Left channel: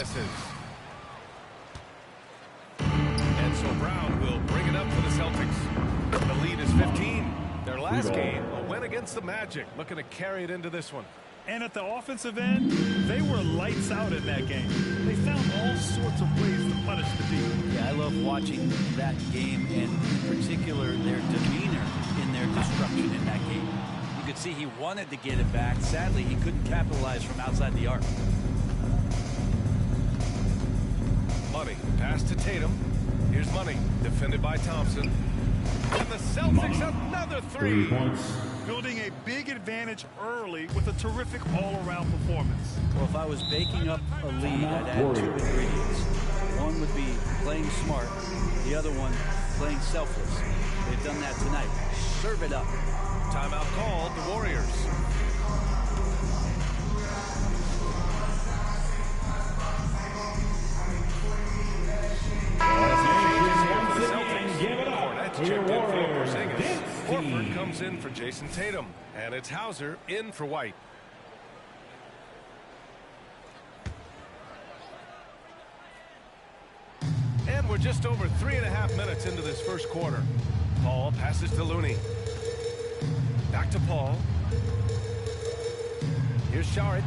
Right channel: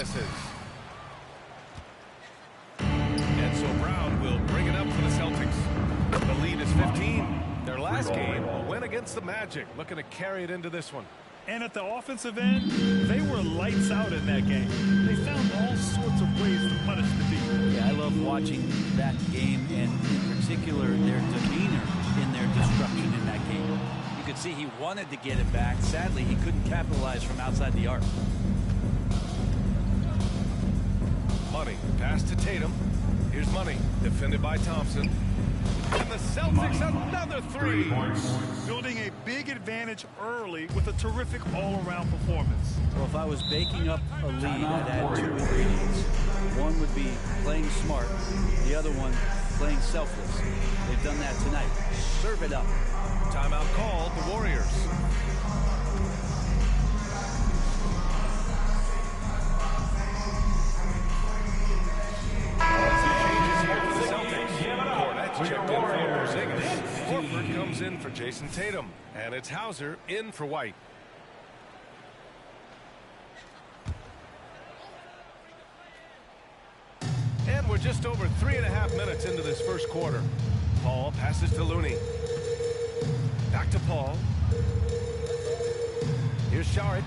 misses. And so Brown will bring it up for the Celtics. The lead is 15. Their last game, a win against the Magic, looking to carry it into this one. And at the offensive end, they were lights out in that game. They found all sorts of ways to punish the D. Yeah, I love watching that game, and in particular, their demeanor in their destruction in that game. You could see he wanted to get it back. Sadly, he couldn't capitalize from outside the arc. Money, pass to Tatum. Here's Money, defended by Thompson. And the Celtics, another three. Building a big advantage early with a terrific all-around performance. Well, if I was baking up a lead, I'd add two ingredients. One would be playing smart. The other one, playing selfless. They've done that tonight. Serve it up. Timeout called, the Warriors. As he changes here for the Celtics. Cornette's checked in for Porzingis. Horford comes in for Jason Tatum. And it's Hauser in for White. And we're just over 3.5 minutes into this first quarter. Paul passes to Looney. Back to Paul. Here's Šarić.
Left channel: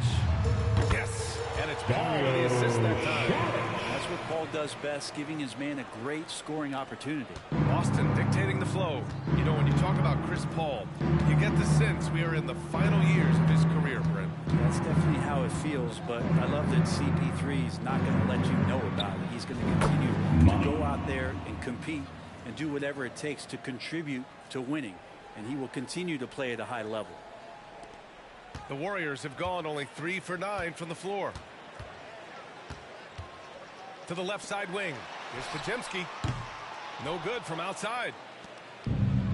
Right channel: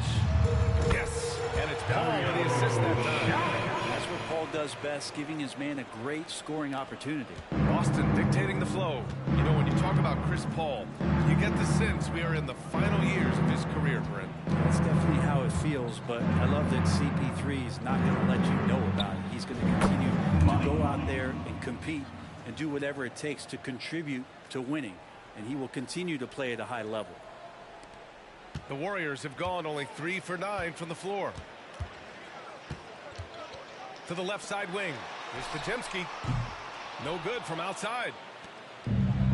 Yes. And it's Paul with the assist that time. That's what Paul does best, giving his man a great scoring opportunity. Boston dictating the flow. You know, when you talk about Chris Paul, you get the sense we are in the final years of his career, Brent. That's definitely how it feels, but I love that CP3 is not going to let you know about it. He's going to continue to go out there and compete and do whatever it takes to contribute to winning, and he will continue to play at a high level. The Warriors have gone only 3 for 9 from the floor. To the left side wing. Here's Podziemski. No good from outside.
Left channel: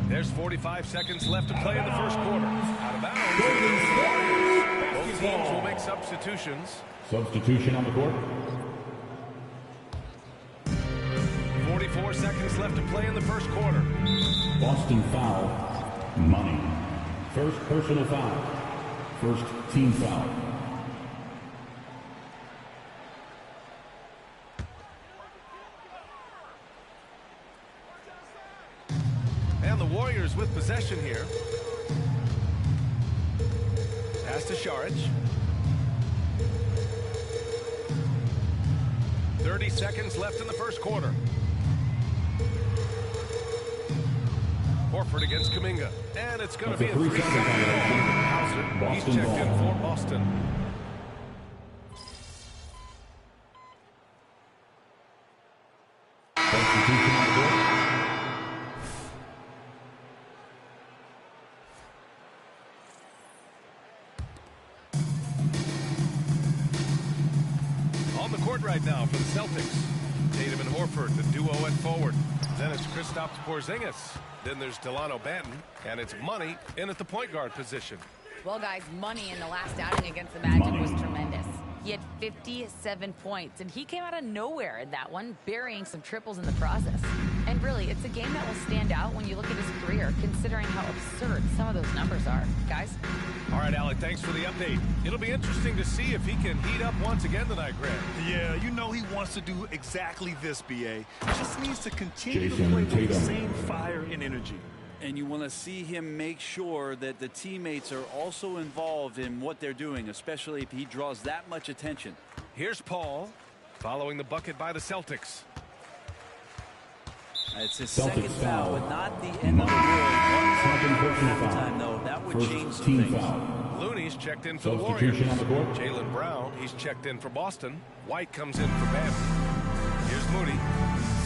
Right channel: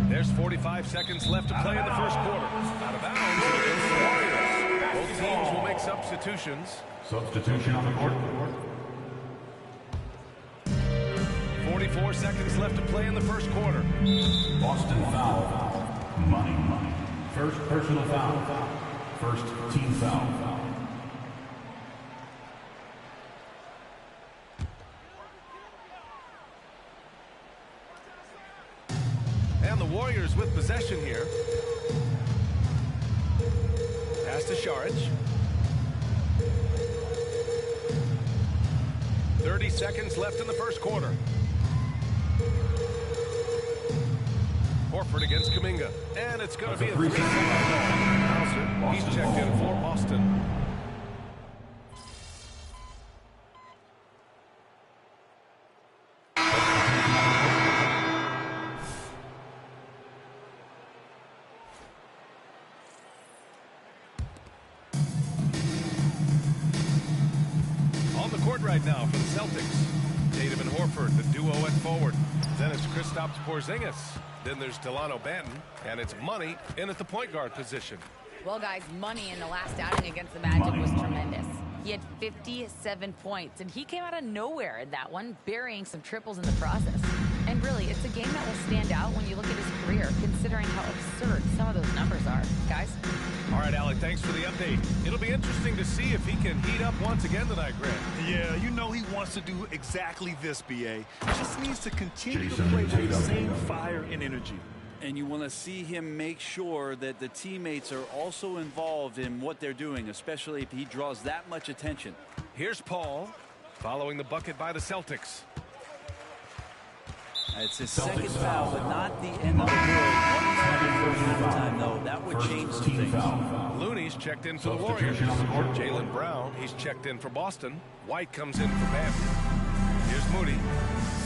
There's 45 seconds left to play in the first quarter. Out of bounds, and it goes to the Warriors. Both teams will make substitutions. Substitution on the court. 44 seconds left to play in the first quarter. Boston foul. Money. First personal foul. First team foul. And the Warriors with possession here. Pass to Šarić. 30 seconds left in the first quarter. Horford against Kuminga. And it's going to be a 3-second call. Hauser, he's checked in for Boston. On the court right now for the Celtics. Tatum and Horford, the duo at forward. Then it's Kristaps Porzingis. Then there's Delano Banton, and it's Money in at the point guard position. Well, guys, Money in the last outing against the Magic was tremendous. He had 57 points, and he came out of nowhere in that one, burying some triples in the process. And really, it's a game that will stand out when you look at his career, considering how absurd some of those numbers are. Guys? All right, Alec, thanks for the update. It'll be interesting to see if he can heat up once again tonight, Grant. Yeah, you know he wants to do exactly this, B.A. Just needs to continue to play with the same fire and energy. And you want to see him make sure that the teammates are also involved in what they're doing, especially if he draws that much attention. Here's Paul, following the bucket by the Celtics. It's his second foul, but not the end of the world. 1 minute before halftime, though. That would change some things. Looney's checked in for the Warriors. Jaylen Brown, he's checked in for Boston. White comes in for Banton. Here's Moody,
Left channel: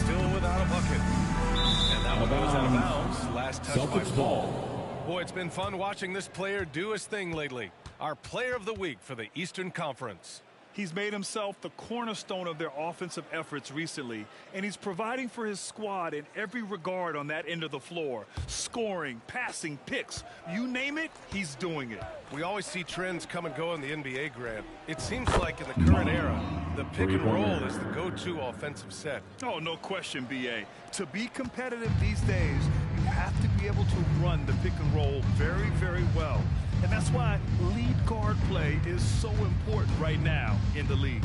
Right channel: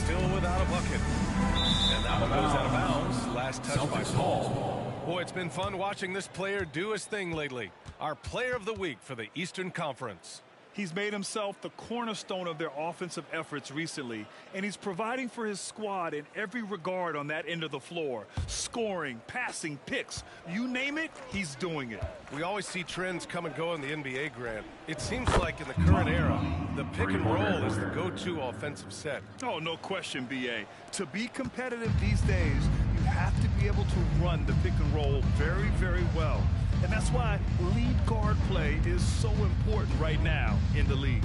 still without a bucket. And that one goes out of bounds. Last touch by Paul. Boy, it's been fun watching this player do his thing lately. Our player of the week for the Eastern Conference. He's made himself the cornerstone of their offensive efforts recently, and he's providing for his squad in every regard on that end of the floor. Scoring, passing, picks, you name it, he's doing it. We always see trends come and go in the NBA, Grant. It seems like in the current era, the pick and roll is the go-to offensive set. Oh, no question, B.A. To be competitive these days, you have to be able to run the pick and roll very, very well. And that's why lead guard play is so important right now in the league.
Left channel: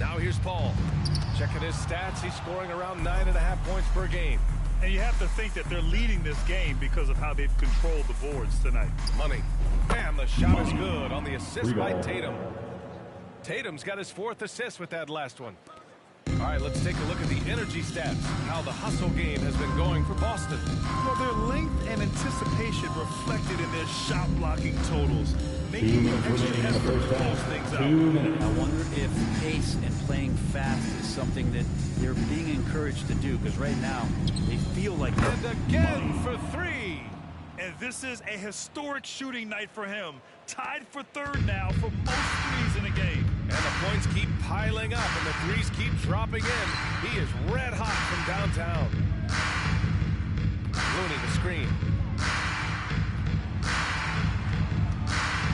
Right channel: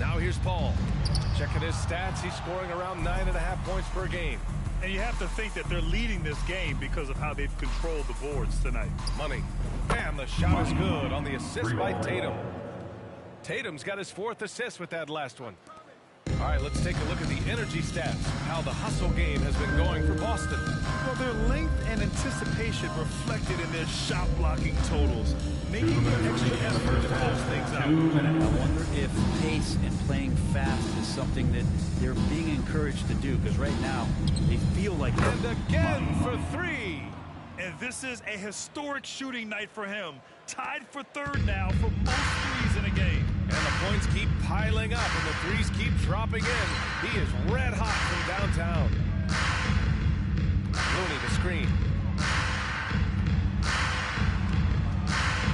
Now here's Paul. Checking his stats, he's scoring around 9.5 points per game. And you have to think that they're leading this game because of how they've controlled the boards tonight. Money. And the shot is good on the assist by Tatum. Tatum's got his 4th assist with that last one. All right, let's take a look at the energy stats, how the hustle game has been going for Boston. Well, their length and anticipation reflected in their shot blocking totals, making an extra effort to close things out. I wonder if pace and playing fast is something that they're being encouraged to do, because right now they feel like... And again for 3. And this is a historic shooting night for him. Tied for 3rd now for most threes in a game. And the points keep piling up and the threes keep dropping in. He is red hot from downtown. Looney the screen.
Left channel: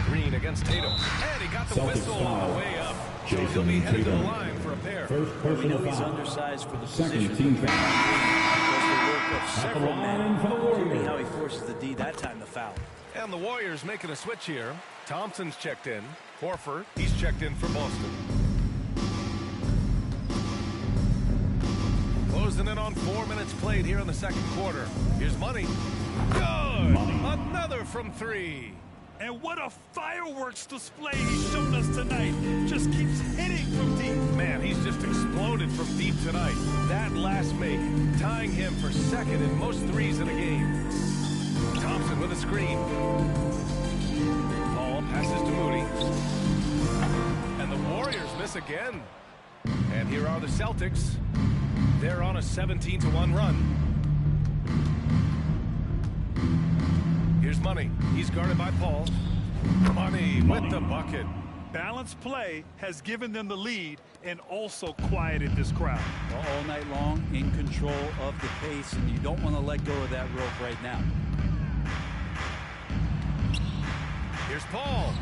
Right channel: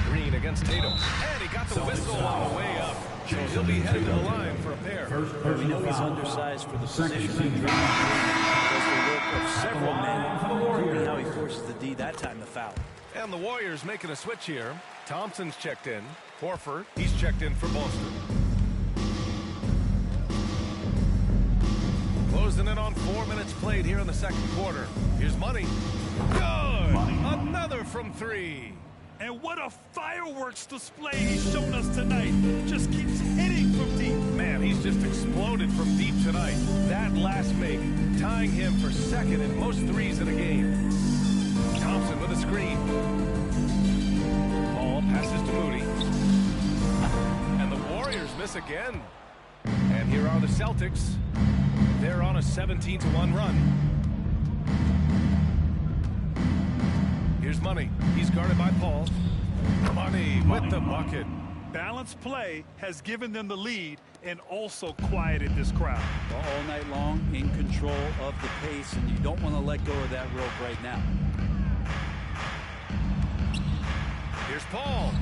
Green against Tatum. And he got the whistle on the way up. So he'll be headed to the line for a pair. We know he's undersized for the position. Draymond Green does the work of several men, proving how he forces the D that time to foul. And the Warriors making a switch here. Thompson's checked in. Horford, he's checked in for Boston. Closing in on 4 minutes played here in the second quarter. Here's Money. Good! Another from 3. And what a fireworks display he's shown us tonight. Just keeps hitting from deep. Man, he's just exploded from deep tonight. That last make, tying him for 2nd in most threes in a game. Thompson with a screen. Paul passes to Moody. And the Warriors miss again. And here are the Celtics. They're on a 17-1 run. Here's Money. He's guarded by Paul. Money with the bucket. Balanced play has given them the lead and also quieted this crowd. All night long, in control of the pace, and you don't want to let go of that rope right now. Here's Paul.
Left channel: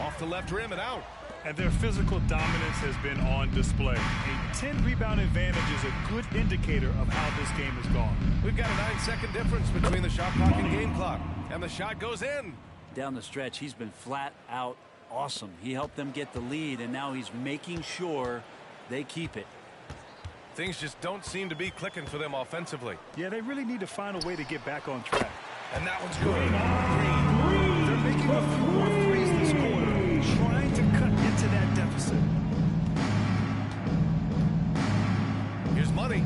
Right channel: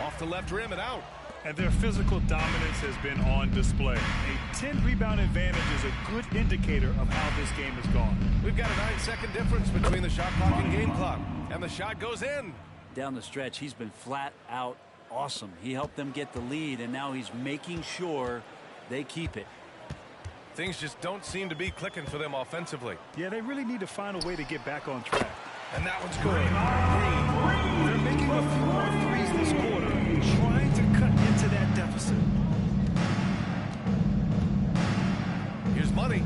Off the left rim and out. And their physical dominance has been on display. A 10-rebound advantage is a good indicator of how this game has gone. We've got a 9-second difference between the shot clock and game clock. And the shot goes in. Down the stretch, he's been flat out awesome. He helped them get the lead, and now he's making sure they keep it. Things just don't seem to be clicking for them offensively. Yeah, they really need to find a way to get back on track. And that one's good. Green. They're making a few more threes this quarter, trying to cut into that deficit. Here's Money.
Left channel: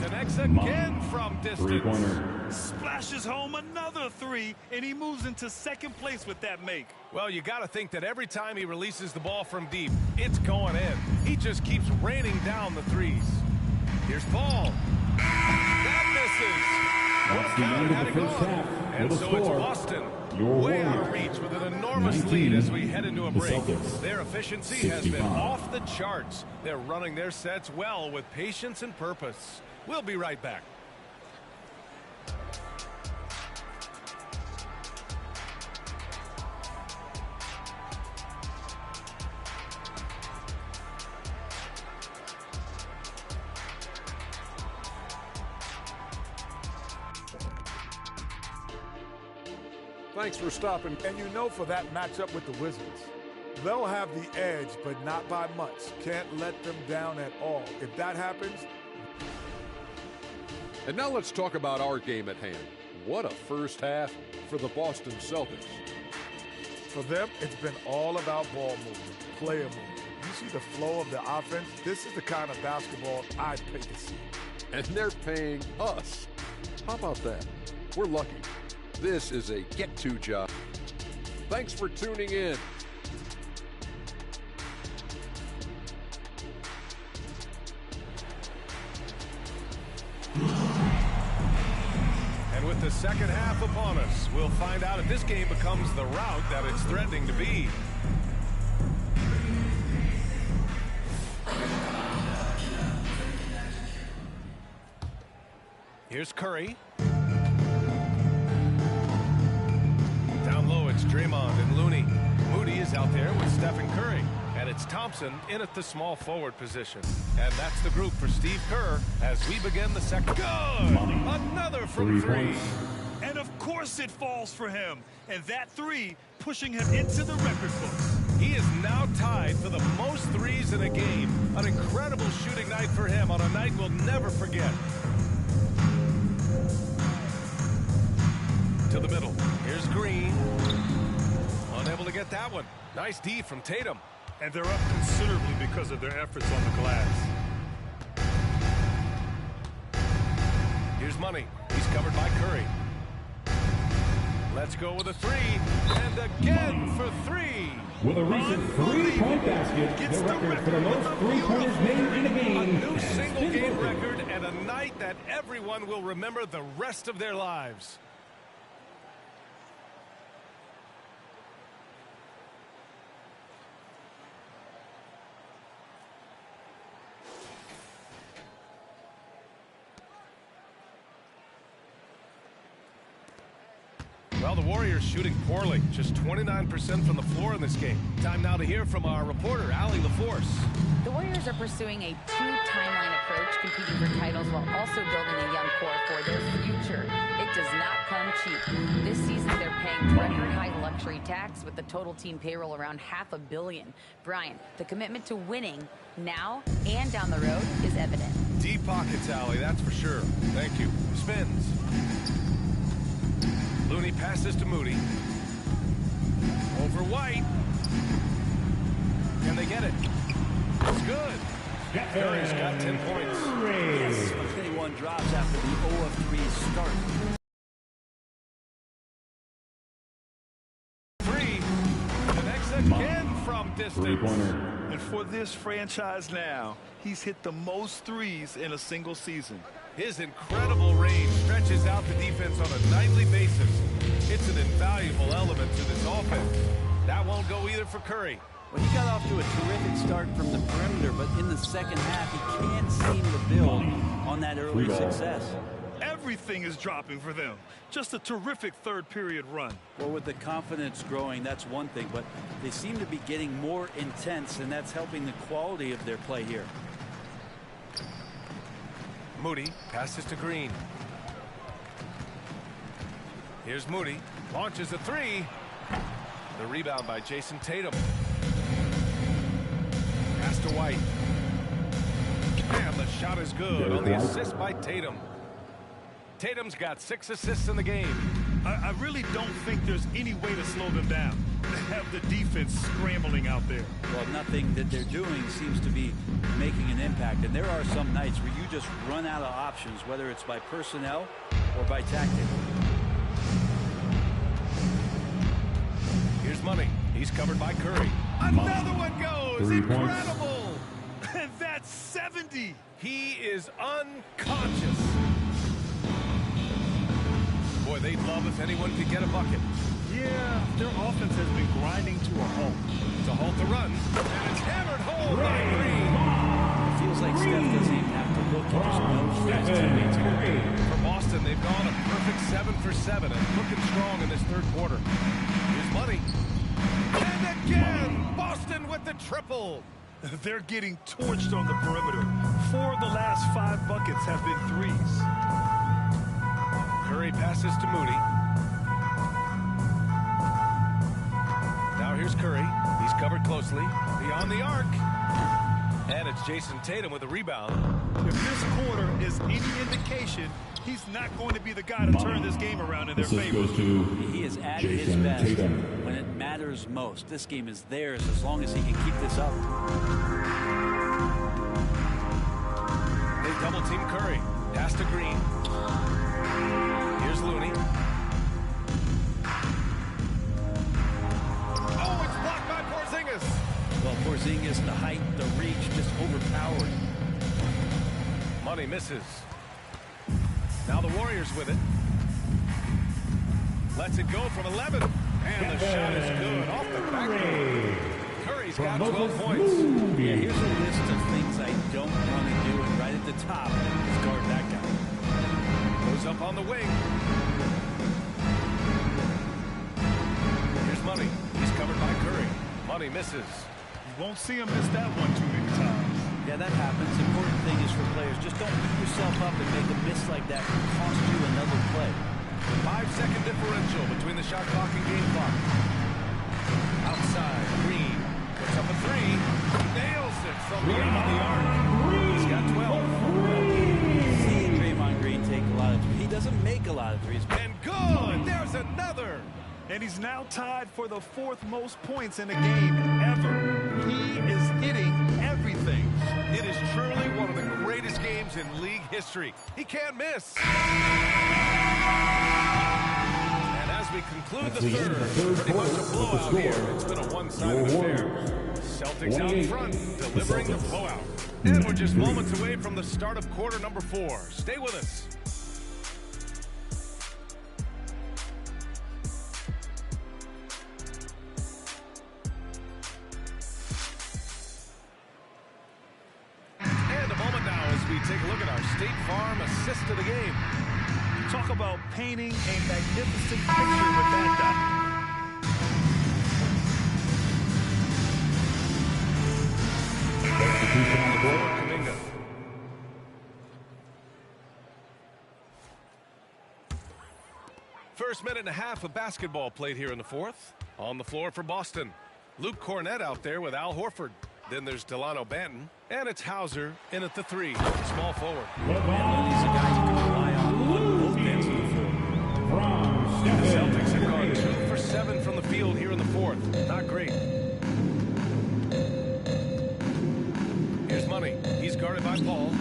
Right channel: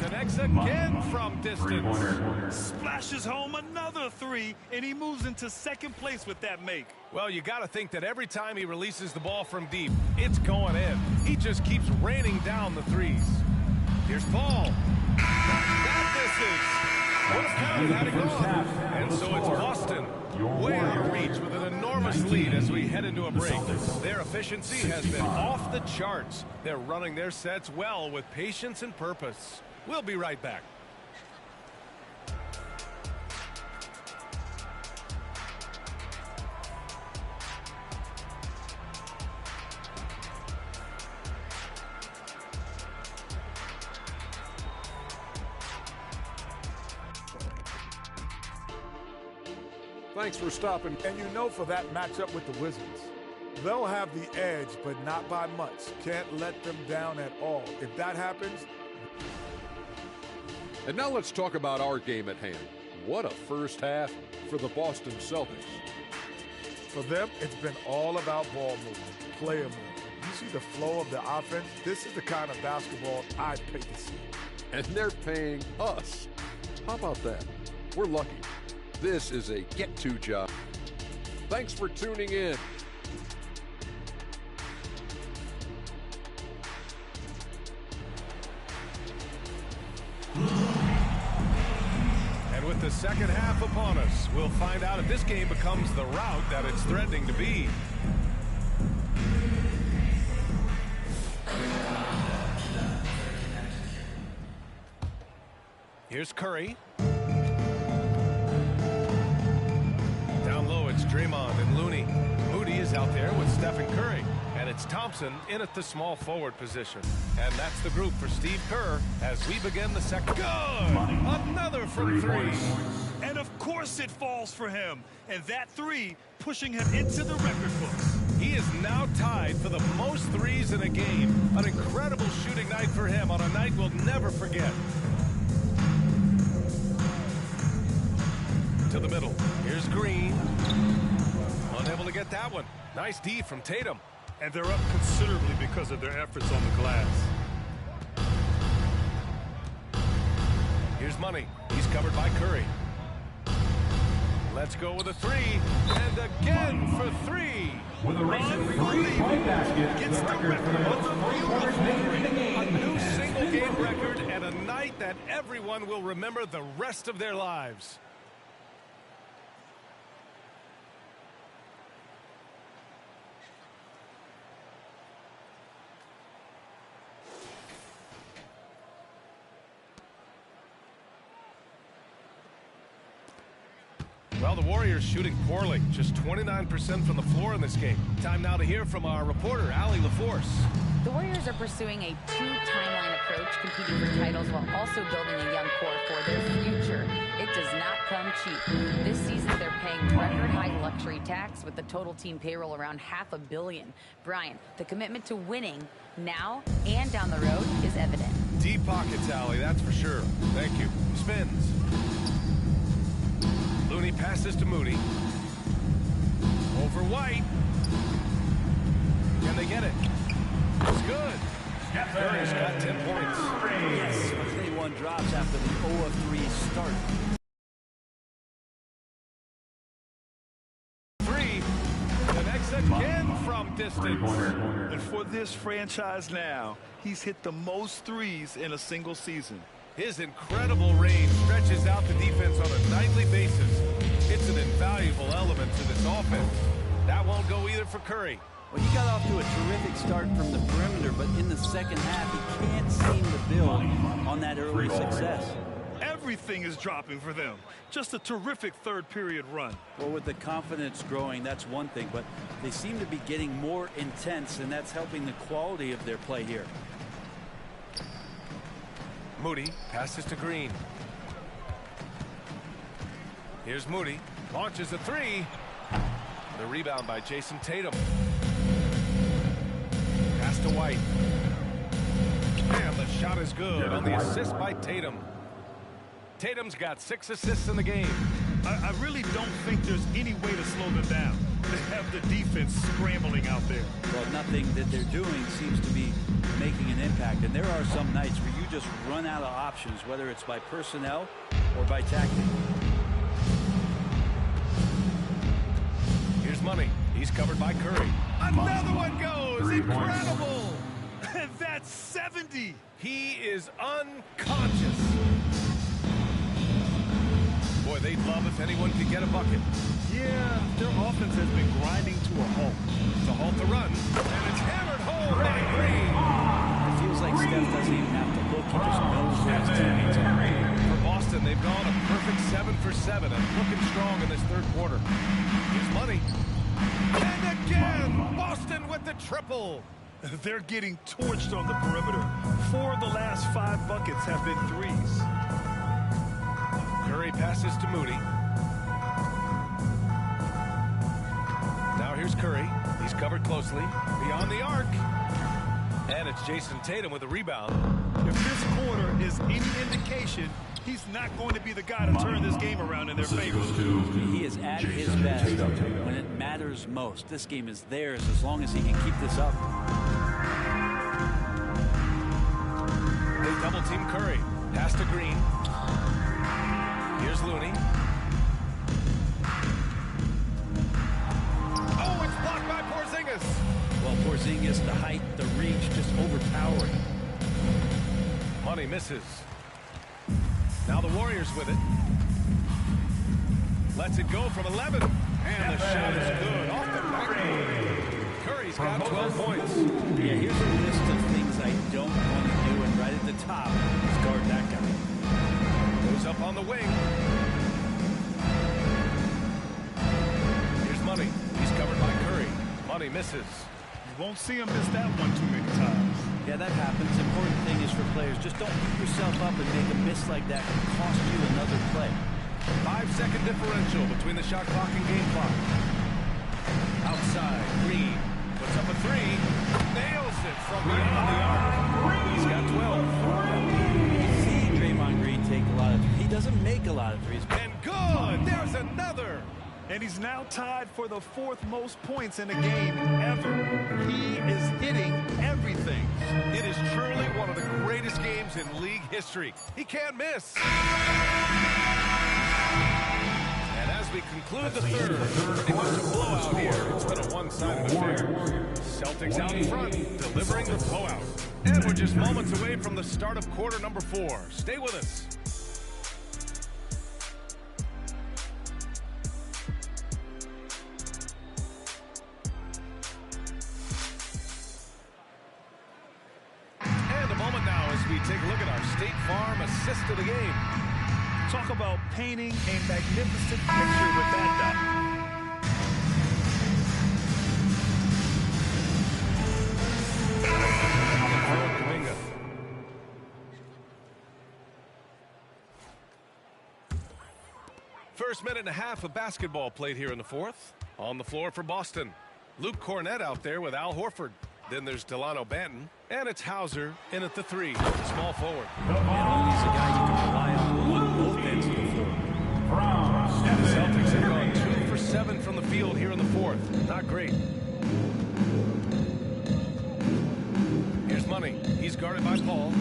Connects again from distance. Splashes home another 3, and he moves into 2nd place with that make. Well, you got to think that every time he releases the ball from deep, it's going in. He just keeps raining down the threes. Here's Paul. That misses. Would have counted had it gone. And so it's Boston way out of reach with an enormous lead as we head into a break. Their efficiency has been off the charts. They're running their sets well with patience and purpose. We'll be right back. Thanks for stopping. And you know, for that matchup with the Wizards, they'll have the edge, but not by much. Can't let them down at all. If that happens. And now let's talk about our game at hand. What a first half for the Boston Celtics. For them, it's been all about ball movement, player movement. You see the flow of the offense? This is the kind of basketball I'd pay to see. And they're paying us. How about that? We're lucky. This is a get-to job. Thanks for tuning in. And with the second half upon us, we'll find out if this game becomes the rout that it's threatening to be. Here's Curry. Down low, it's Draymond and Looney. Moody is out there with Stephen Curry. And it's Thompson in at the small forward position. And that's the group for Steve Kerr as we begin the second. Good! Another from 3. And of course it falls for him. And that 3 pushing him into the record books. He is now tied for the most threes in a game. An incredible shooting night for him on a night we'll never forget. To the middle. Here's Green. Unable to get that one. Nice D from Tatum. And they're up considerably because of their efforts on the glass. Here's Money. He's covered by Curry. Let's go with a three. And again for three. With a recent three-point basket, Gets the the record for the record most with a three-pointers made in a game. A new has single been game broken. record and a night that everyone will remember the rest of their lives. Well, the Warriors shooting poorly, just 29% from the floor in this game. Time now to hear from our reporter, Allie LaForce. The Warriors are pursuing a two-timeline approach, competing for titles while also building a young core for their future. It does not come cheap. This season, they're paying record-high luxury tax with the total team payroll around $500 million. Brian, the commitment to winning now and down the road is evident. Deep pockets, Allie, that's for sure. Thank you. Spins. Looney passes to Moody. Over White. Can they get it? It's good. Curry's got 10 points. Yes, but 21 drops after the 0-3 start. Three. Connects again from distance. Three-pointer. And for this franchise now, he's hit the most threes in a single season. His incredible range stretches out the defense on a nightly basis. It's an invaluable element to this offense. That won't go either for Curry. Well, he got off to a terrific start from the perimeter, but in the second half, he can't seem to build on that early success. Everything is dropping for them. Just a terrific third-period run. Well, with the confidence growing, that's one thing, but they seem to be getting more intense, and that's helping the quality of their play here. Moody passes to Green. Here's Moody. Launches a three. The rebound by Jason Tatum. Pass to White. And the shot is good on the assist by Tatum. Tatum's got 6 assists in the game. I really don't think there's any way to slow them down. They have the defense scrambling out there. Well, nothing that they're doing seems to be making an impact. And there are some nights where you just run out of options, whether it's by personnel or by tactic. Here's Money. He's covered by Curry. Another one goes. 3 points. Incredible. And that's 70. He is unconscious. Boy, they'd love if anyone could get a bucket. Yeah, their offense has been grinding to a halt. To halt the run. And it's hammered home by Green. It feels like Steph doesn't even have to look. He just knows where his teammates are. For Boston, they've gone a perfect 7 for 7 and looking strong in this third quarter. Here's Money. And again, Boston with the triple. They're getting torched on the perimeter. 4 of the last 5 buckets have been threes. Curry passes to Moody. Now here's Curry. He's covered closely. Beyond the arc. And it's Jason Tatum with a rebound. If this quarter is any indication, he's not going to be the guy to turn this game around in their Assist favor. goes to He is at Jason his best Tatum. when it matters most. This game is theirs as long as he can keep this up. They double team Curry. Pass to Green. Here's Looney. Oh, it's blocked by Porzingis. Well, Porzingis, the height, the reach, just overpowering. Money misses. Now the Warriors with it. Lets it go from 11. And the shot is good off the backboard. Curry's got 12 points. Yeah, here's a list of things I don't want to do, and right at the top is guard that guy. Goes up on the wing. Here's Money. He's covered by Curry. Money misses. You won't see him miss that one too many times. Yeah, that happens. Important thing is for players, just don't beat yourself up and make a miss like that can cost you another play. 5-second differential between the shot clock and game clock. Outside, Green puts up a three. Nails it from beyond the arc. He's got 12. You see Draymond Green take a lot of threes. He doesn't make a lot of threes. And good! There's another! And he's now tied for the 4th most points in a game ever. He is hitting everything. It is truly one of the greatest games in league history. He can't miss. And as we conclude the third, pretty much a blowout here. It's been a one-sided affair. Celtics out in front, delivering the blowout. And we're just moments away from the start of quarter number 4. Stay with us. And a moment now as we take a look at our State Farm assist of the game. Talk about painting a magnificent picture with that dot. Substitution on the court. Kuminga. First minute and a half of basketball played here in the 4th. On the floor for Boston. Luke Cornett out there with Al Horford. Then there's Delano Banton. And it's Hauser in at the 3. Small forward. And Looney's a guy you can rely on both ends of the floor. The Celtics have gone 2 for 7 from the field here in the 4th. Not great. Here's Money. He's guarded by Paul.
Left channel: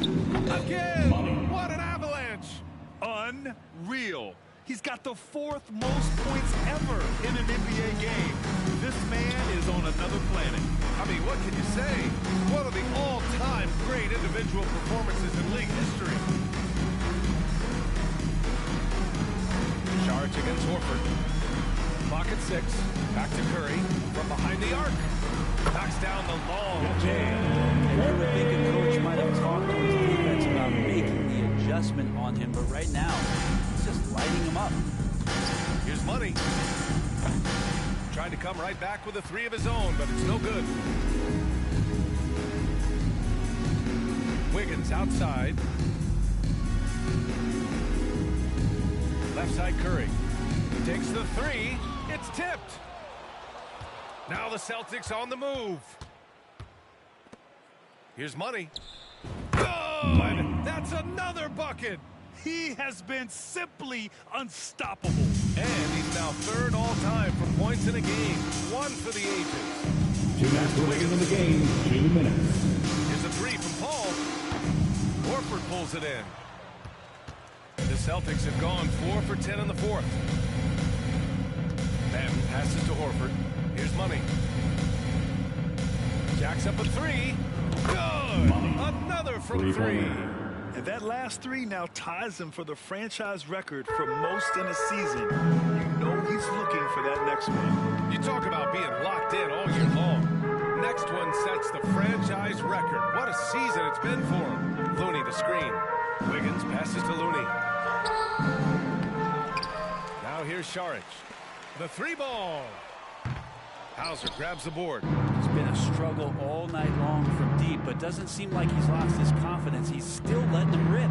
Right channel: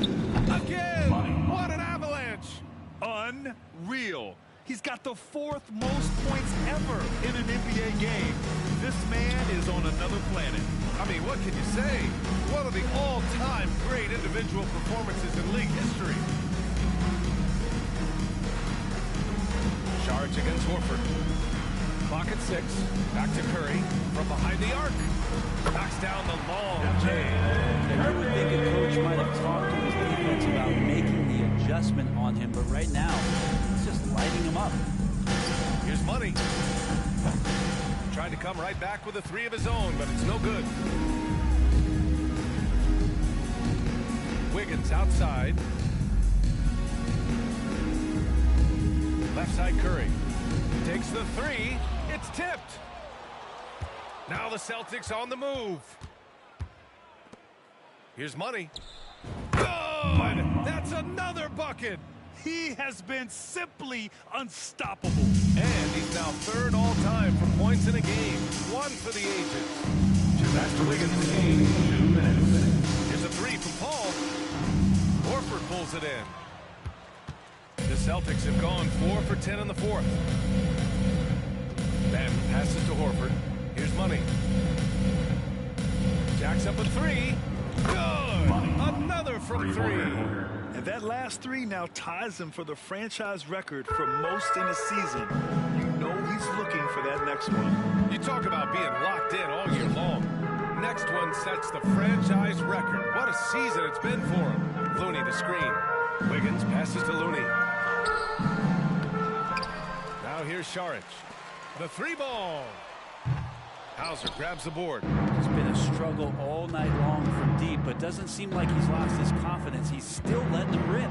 Again! Money. What an avalanche! Unreal. He's got the 4th most points ever in an NBA game. This man is on another planet. I mean, what can you say? One of the all-time great individual performances in league history. Saric against Horford. Clock at 6. Back to Curry from behind the arc. Knocks down the long J. And you would think a coach might have talked to his defense about making the adjustment on him, but right now, he's just lighting him up. Here's Money. Tried to come right back with a 3 of his own, but it's no good. Wiggins outside. Left side Curry. Takes the 3. It's tipped. Now the Celtics on the move. Here's Money. Good! That's another bucket. He has been simply unstoppable. And he's now 3rd all-time for points in a game. 1 for the ages. 2 minutes Wiggins in the game. 2 minutes. Here's a 3 from Paul. Horford pulls it in. The Celtics have gone 4 for 10 in the 4th. Banton passes to Horford. Here's Money. Jacks up a 3. Good! Money. Another from 3. And that last 3 now ties him for the franchise record for most in a season. You know he's looking for that next one. You talk about being locked in all year long. Next one sets the franchise record. What a season it's been for him. Looney the screen. Wiggins passes to Looney. Now here's Saric. The 3 ball. Hauser grabs the board. It's been a struggle all night long from deep, but doesn't seem like he's lost his confidence. He's still letting them rip.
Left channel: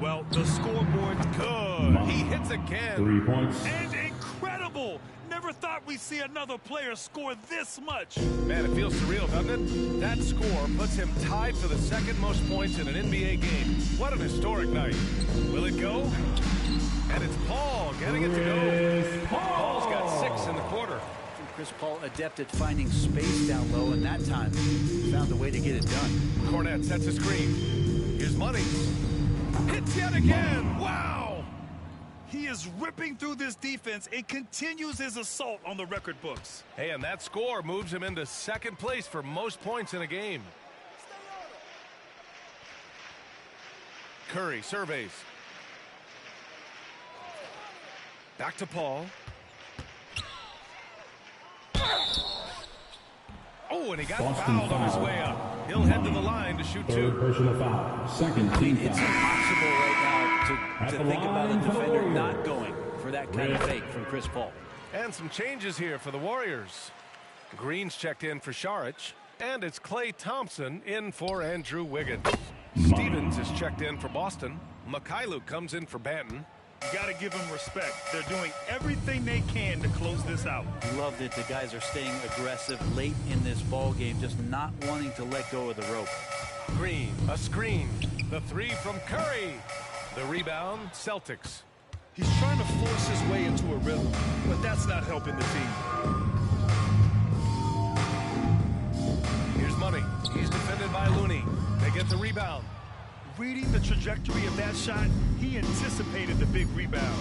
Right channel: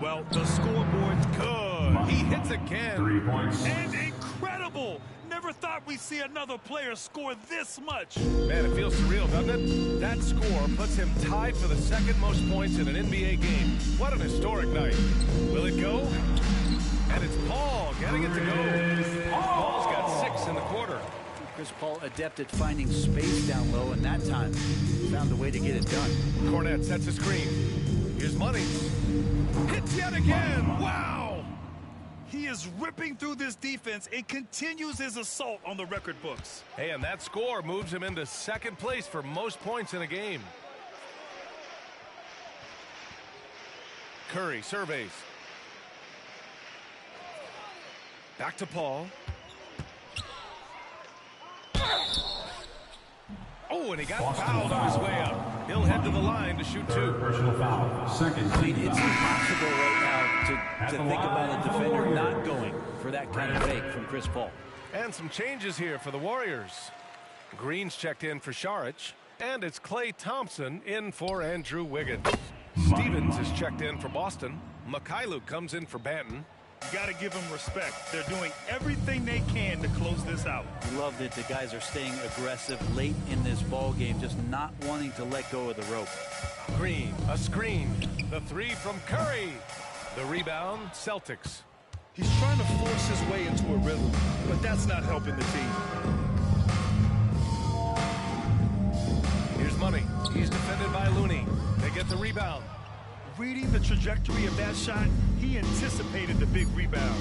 Well, the scoreboard Good. He hits again. 3 points. and incredible. Never thought we'd see another player score this much. Man, it feels surreal, doesn't it? That score puts him tied for the 2nd most points in an NBA game. What an historic night. Will it go? And it's Paul getting it to go. Paul's got 6 in the quarter. Chris Paul adept at finding space down low, and that time found a way to get it done. Cornett sets a screen. Here's Money. Hits yet again. Wow. He is ripping through this defense and continues his assault on the record books. Hey, and that score moves him into 2nd place for most points in a game. Curry surveys. Back to Paul. Oh, and he got Boston fouled on his foul. way up. He'll head to the line to shoot 2. 3rd personal foul. 2nd I mean, team it's foul. impossible right now At to the think about line a for the defender Warriors. not going for that kind of fake from Chris Paul. And some changes here for the Warriors. Green's checked in for Saric. And it's Klay Thompson in for Andrew Wiggins. Stevens is checked in for Boston. Mikhailuk comes in for Banton. You got to give them respect. They're doing everything they can to close this out. Love that the guys are staying aggressive late in this ball game, just not wanting to let go of the rope. Green, a screen. The three from Curry. The rebound, Celtics. He's trying to force his way into a rhythm, but that's not helping the team. Here's Money. He's defended by Looney. They get the rebound. Reading the trajectory of that shot, he anticipated the big rebound.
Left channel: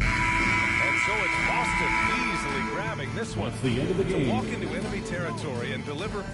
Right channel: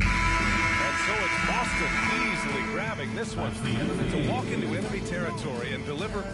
And so it's Boston easily grabbing this one. The end of the game. To walk into enemy territory and deliver